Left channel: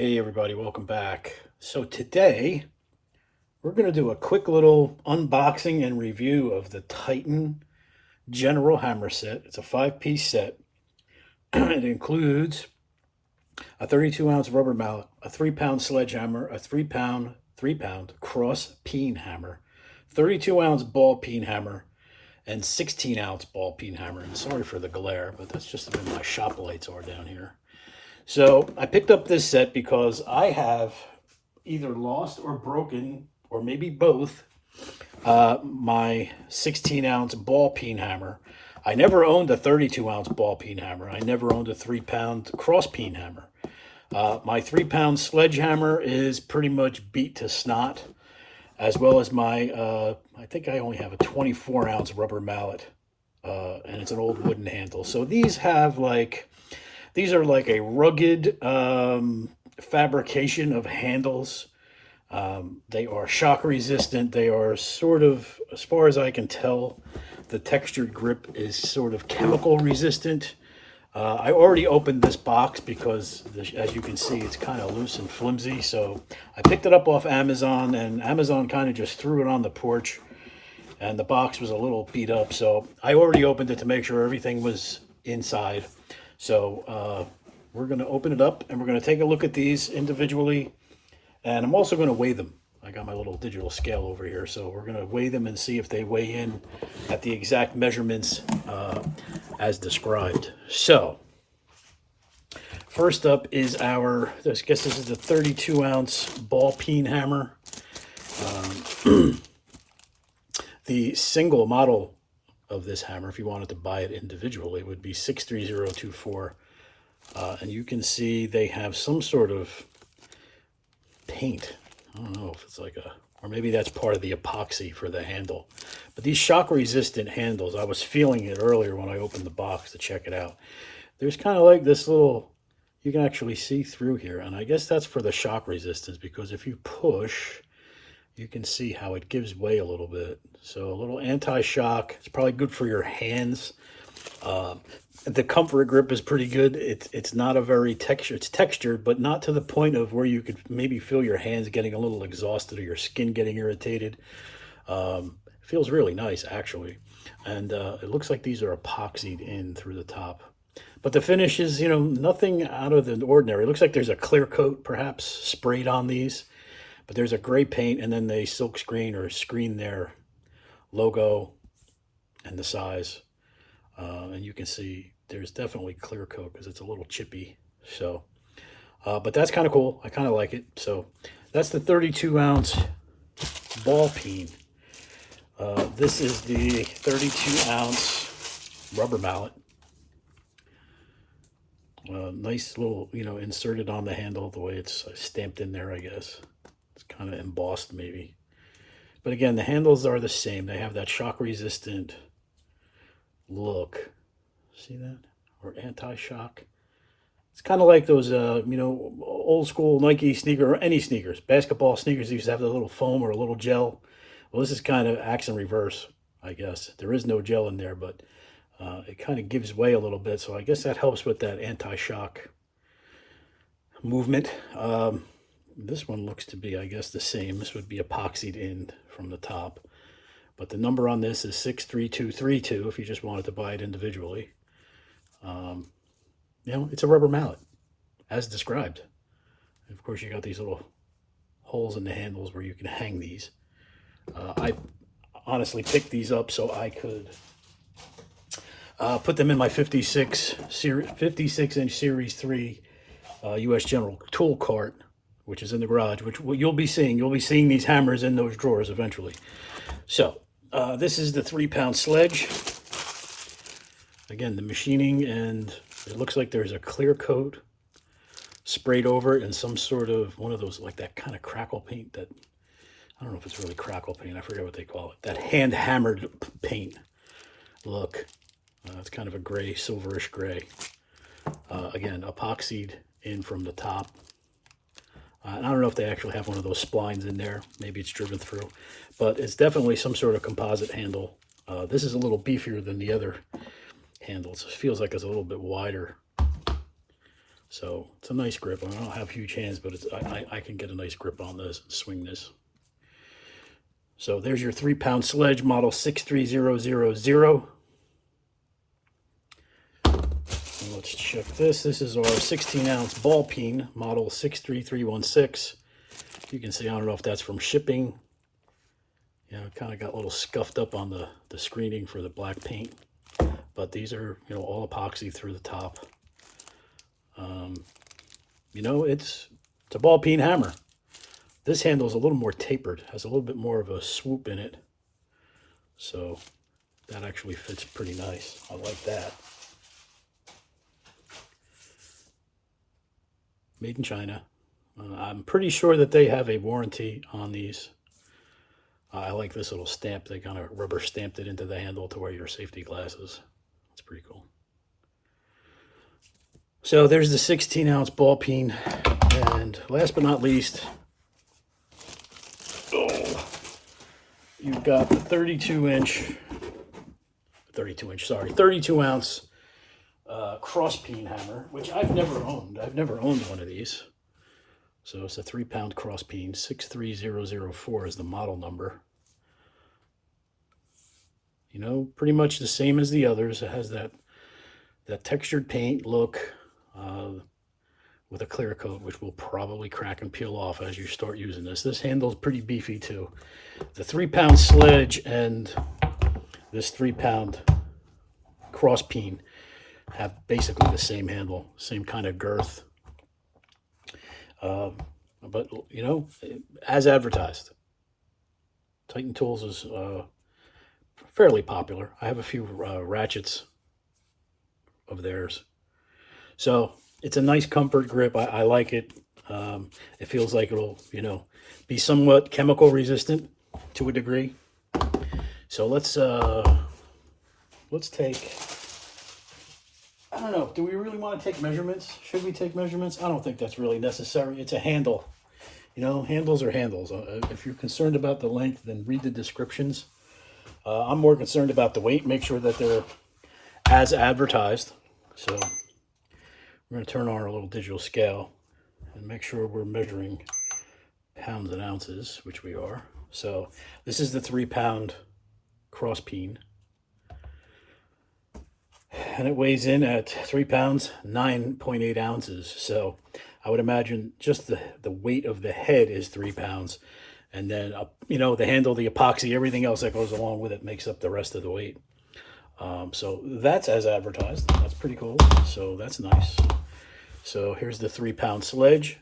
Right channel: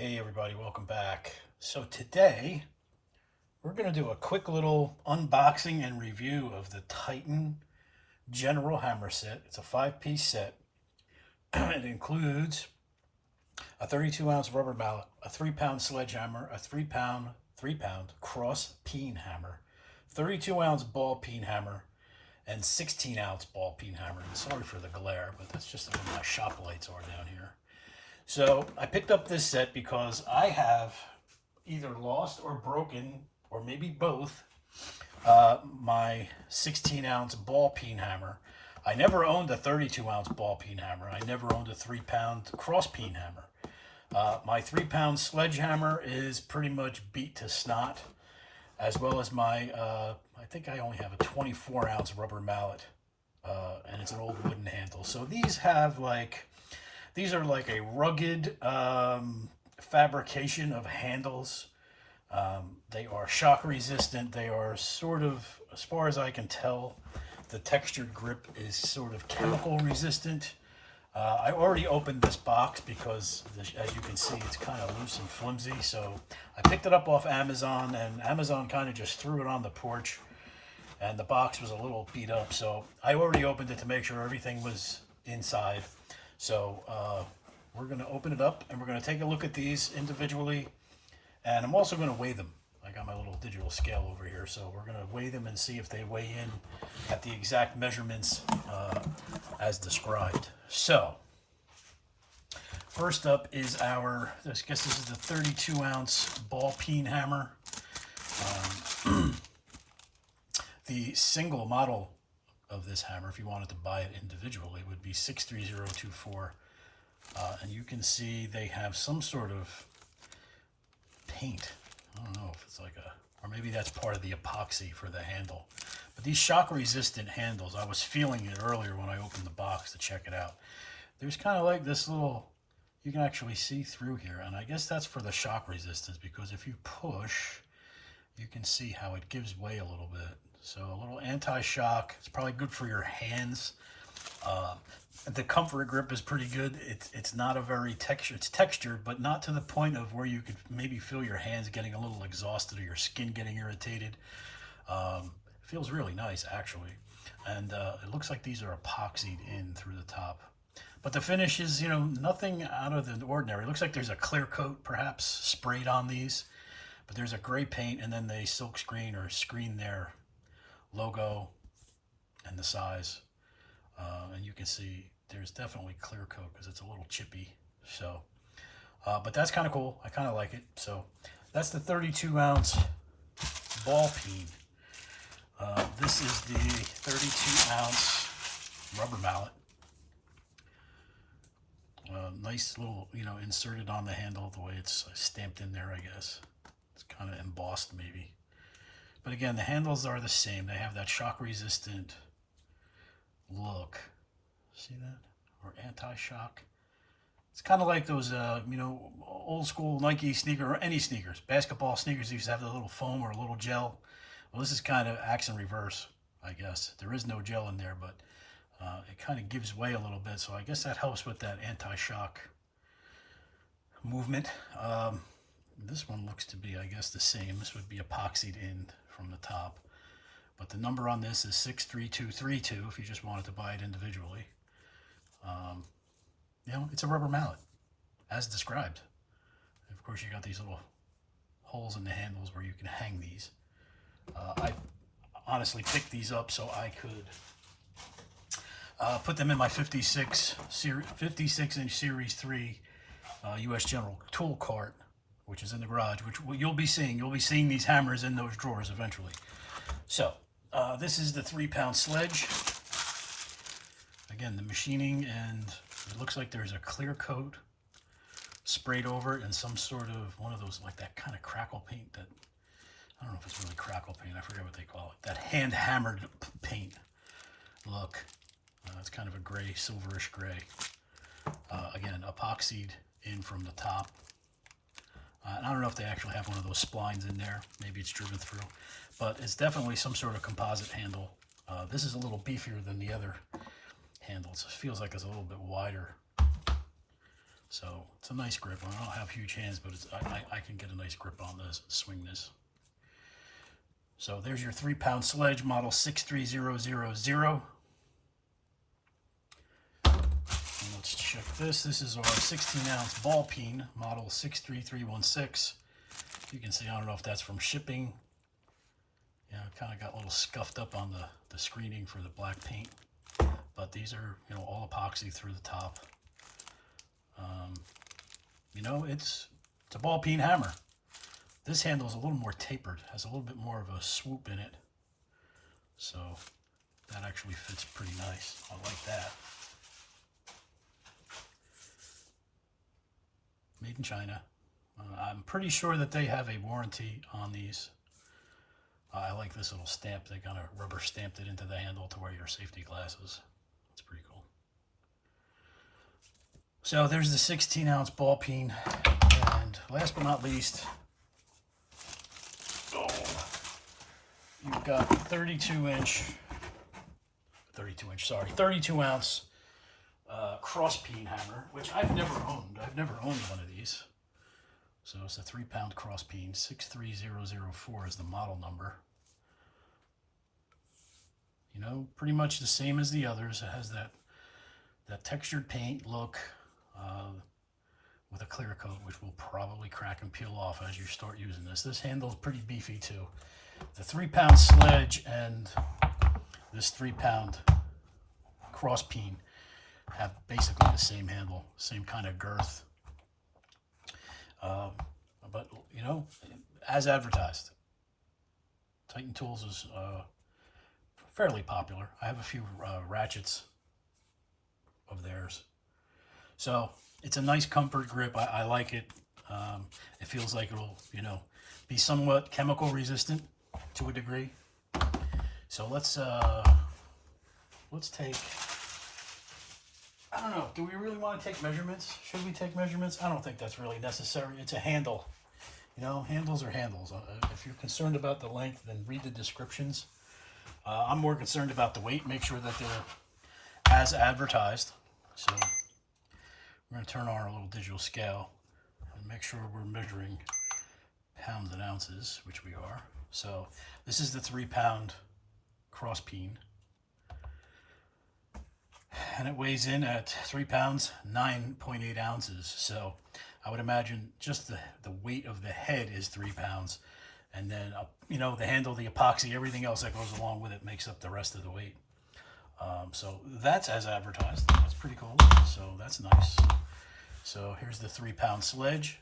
Hey everybody, welcome back. So today we're going to do a quick little unboxing and review of the Titan General Hammer set. It's a 5-piece set. It includes a 32-ounce rubber mallet, a 3-pound sledgehammer, a 3-pound cross peen hammer, 32-ounce ball peen hammer, and 16-ounce ball peen hammer. And sorry for the glare, but that's just the way my shop lights are down here. So I picked up this set because I have either lost or broken, or maybe both, my 16-ounce ball peen hammer. I never owned a 32-ounce ball peen hammer. I never owned a 3-pound cross peen hammer. My 3-pound sledgehammer is pretty much beat to snot, as well as my, I think I only have a 24-ounce rubber mallet, and it's an old wooden handle. So these are like a rugged fabrication of handles. They are shock resistant. They are sort of, as far as I can tell, the textured grip is sort of chemical resistant. I already opened this box because, as you can see, it's kind of loose and flimsy. So I picked it up off Amazon, and Amazon kind of just threw it on the porch, and the box was a little beat up. So I already opened it to make sure everything was inside. So we're going to open it up and we're going to take a look at these individually. And I'm also going to weigh them. I got my little digital scale over here. So we're going to weigh them and see if they weigh in at the exact measurements as described. So first up is I guess this is the 32-ounce ball peen hammer. The single model of this hammer, if you wanted to buy it individually, would be 63024. And you can see they have some sort of paint. I don't know if it's like or maybe that's part of the epoxy for the handle. But these shock resistant handles, I was feeling it earlier when I opened the box to check it out. There's kind of like this little, you can actually see through here. And I guess that's for the shock resistance, because if you push, you can see how it gives way a little bit. So a little anti-shock. It's probably good for your hands. The comfort grip is pretty good. It's not a very it's textured, but not to the point of where you could maybe feel your hands getting a little exhausted or your skin getting irritated. Feels really nice, actually. And it looks like these are epoxied in through the top. But the finish is, nothing out of the ordinary. It looks like there's a clear coat perhaps sprayed on these. But there's a gray paint, and then they silk screen or screen their logo and the size. And you can see there's definitely clear coat because it's a little chippy. So, but that's kind of cool. I kind of like it. So that's the 32-ounce ball peen. This is the 32-ounce rubber mallet. Nice little, inserted on the handle the way it's stamped in there, I guess. It's kind of embossed maybe. But again, the handles are the same. They have that shock resistant look. See that? Or anti-shock. It's kind of like those, old school Nike sneaker, or any sneakers. Basketball sneakers used to have a little foam or a little gel. Well, this is kind of acts in reverse, I guess. There is no gel in there, but it kind of gives way a little bit. So I guess that helps with that anti-shock movement. This one looks to be, I guess, the same. This would be epoxied in from the top. But the number on this is 63232 if you just wanted to buy it individually. It's a rubber mallet, as described. And of course, you got these little holes in the handles where you can hang these. I honestly picked these up so I could put them in my 56-inch Series 3 U.S. General tool cart, which is in the garage, which you'll be seeing. You'll be seeing these hammers in those drawers eventually. So this is the 3-pound sledge. Again, the machining, and it looks like there's a clear coat sprayed over it and some sort of one of those, like that kind of crackle paint that, I don't know if it's really crackle paint. I forget what they call it. That hand-hammered paint look. It's kind of a gray, silverish gray. Again, epoxied in from the top. I don't know if they actually have one of those splines in there. Maybe it's driven through. But it's definitely some sort of composite handle. This is a little beefier than the other handles. It feels like it's a little bit wider. So it's a nice grip. I don't have huge hands, but I can get a nice grip on this and swing this. So there's your 3-pound sledge, model 63000. And let's check this. This is our 16-ounce ball peen, model 63316. You can see, I don't know if that's from shipping. You know, it kind of got a little scuffed up on the screening for the black paint. But these are, you know, all epoxy through the top. You know, it's a ball peen hammer. This handle is a little more tapered, has a little bit more of a swoop in it. So that actually fits pretty nice. I like that. Made in China. I'm pretty sure that they have a warranty on these. I like this little stamp. They kind of rubber stamped it into the handle to wear your safety glasses. It's pretty cool. So there's the 16-ounce ball peen. And last but not least, you've got the 32-ounce cross peen hammer, which I've never owned. I've never owned one of these. So it's a 3-pound cross peen. 63004 is the model number. You know, pretty much the same as the others. It has that textured paint look with a clear coat, which will probably crack and peel off as you start using this. This handle's pretty beefy too. The 3-pound sledge and this 3-pound cross peen have basically the same handle, same kind of girth. But, you know, as advertised, Titan Tools is fairly popular. I have a few ratchets of theirs. So it's a nice comfort grip. I like it. It feels like it'll, you know, be somewhat chemical resistant to a degree. So let's take, I don't know, do we really want to take measurements? Should we take measurements? I don't think that's really necessary. It's a handle. You know, handles are handles. If you're concerned about the length, then read the descriptions. I'm more concerned about the weight. Make sure that they're as advertised. So we're going to turn on our little digital scale and make sure we're measuring pounds and ounces, which we are. So this is the 3-pound cross peen. And it weighs in at 3 pounds, 9.8 ounces. So I would imagine just the weight of the head is 3 pounds. And then, you know, the handle, the epoxy, everything else that goes along with it makes up the rest of the weight. So that's as advertised. That's pretty cool. So that's nice. So here's the 3-pound sledge.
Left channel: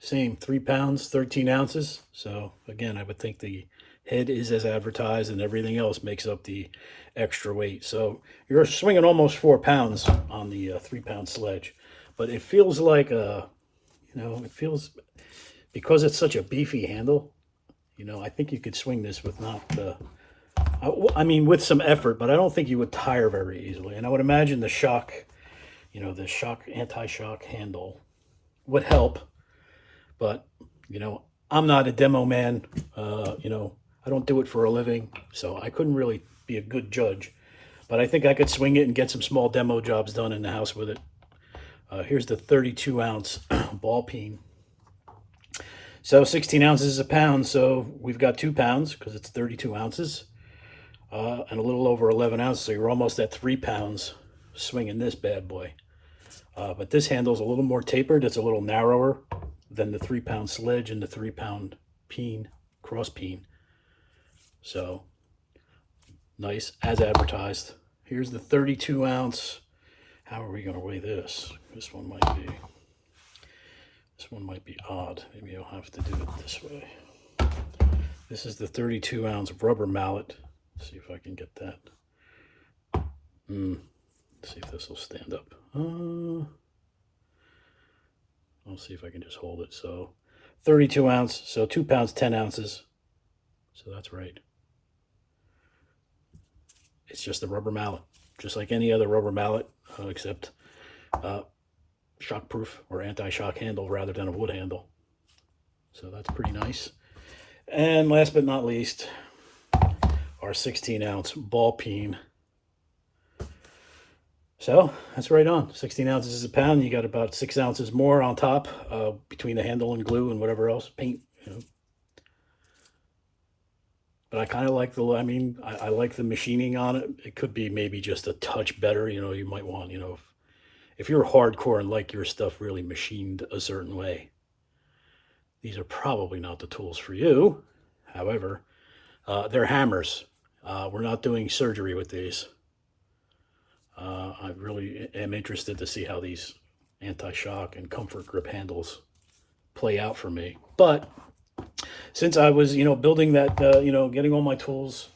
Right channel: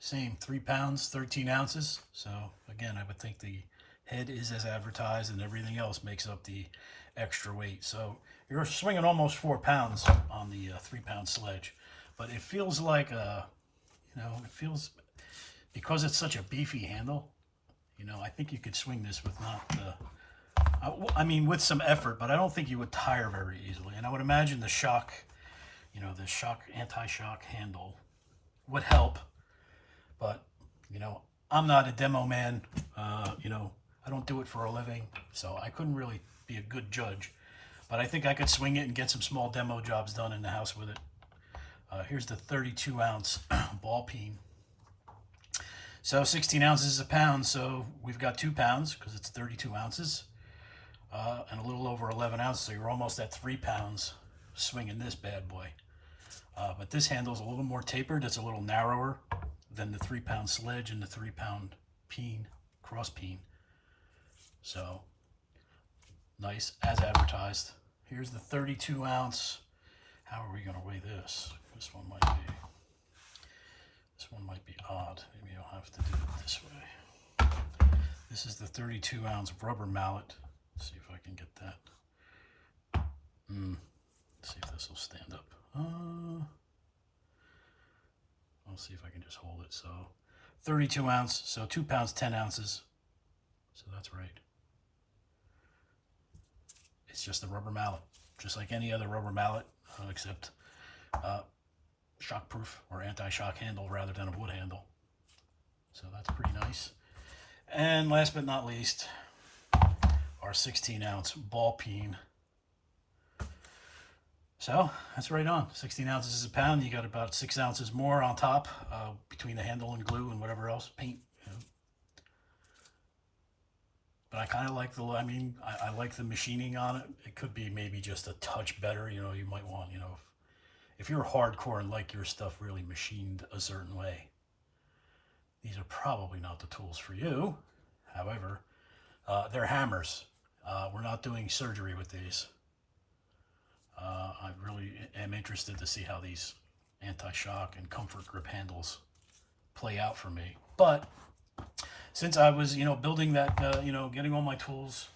Same, 3 pounds, 13 ounces. So again, I would think the head is as advertised and everything else makes up the extra weight. So you're swinging almost 4 pounds on the 3-pound sledge. But it feels like you know, it feels, because it's such a beefy handle, you know, I think you could swing this with not the, I mean, with some effort, but I don't think you would tire very easily. And I would imagine the shock, you know, the anti-shock handle would help. But, you know, I'm not a demo man. You know, I don't do it for a living, so I couldn't really be a good judge. But I think I could swing it and get some small demo jobs done in the house with it. Here's the 32-ounce ball peen. So 16 ounces is a pound, so we've got 2 pounds because it's 32 ounces. And a little over 11 ounces, so you're almost at 3 pounds swinging this bad boy. But this handle's a little more tapered. It's a little narrower than the 3-pound sledge and the 3-pound peen, cross peen. So nice, as advertised. Here's the 32-ounce. How are we going to weigh this? This one might be odd. Maybe I'll have to do it this way. This is the 32-ounce rubber mallet. Let's see if I can get that. Let's see if this will stand up. I'll see if I can just hold it. So 32 ounce, so 2 pounds, 10 ounces. So that's right. It's just a rubber mallet, just like any other rubber mallet, except shockproof or anti-shock handle rather than a wood handle. So that's pretty nice. And last but not least, our 16-ounce ball peen. So that's right on. 16 ounces is a pound. You got about 6 ounces more on top between the handle and glue and whatever else, paint, you know. But I kind of like the, I mean, I like the machining on it. It could be maybe just a touch better. You know, you might want, you know, if you're hardcore and like your stuff really machined a certain way, these are probably not the tools for you. However, they're hammers. We're not doing surgery with these. I really am interested to see how these anti-shock and comfort grip handles play out for me. But since I was, you know, building that, you know, getting all my tools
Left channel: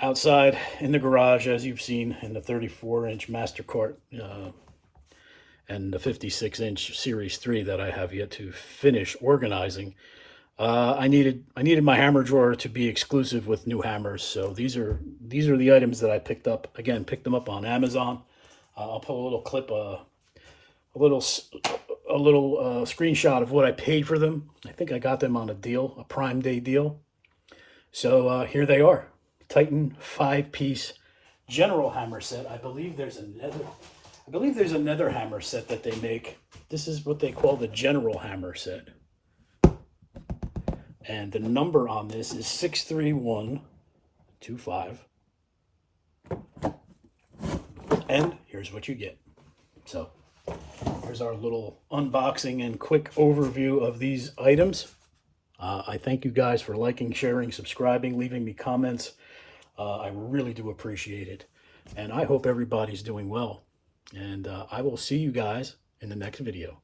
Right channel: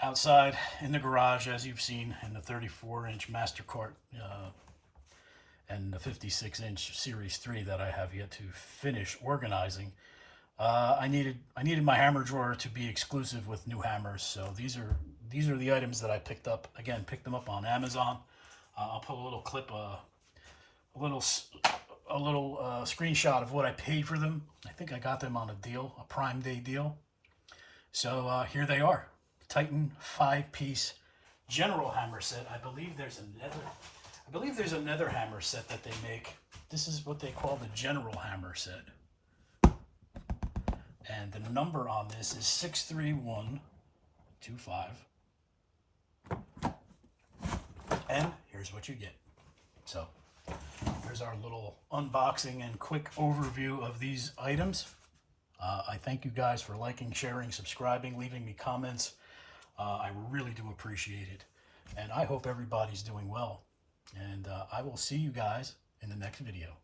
outside in the garage, as you've seen in the 34-inch Mastercart and the 56-inch Series 3 that I have yet to finish organizing, I needed my hammer drawer to be exclusive with new hammers. So these are the items that I picked up. Again, picked them up on Amazon. I'll put a little clip, a little screenshot of what I paid for them. I think I got them on a deal, a Prime Day deal. So here they are, Titan 5-piece general hammer set. I believe there's another hammer set that they make. This is what they call the general hammer set. And the number on this is 63125. And here's what you get. So there's our little unboxing and quick overview of these items. I thank you guys for liking, sharing, subscribing, leaving me comments. I really do appreciate it. And I hope everybody's doing well. And I will see you guys in the next video.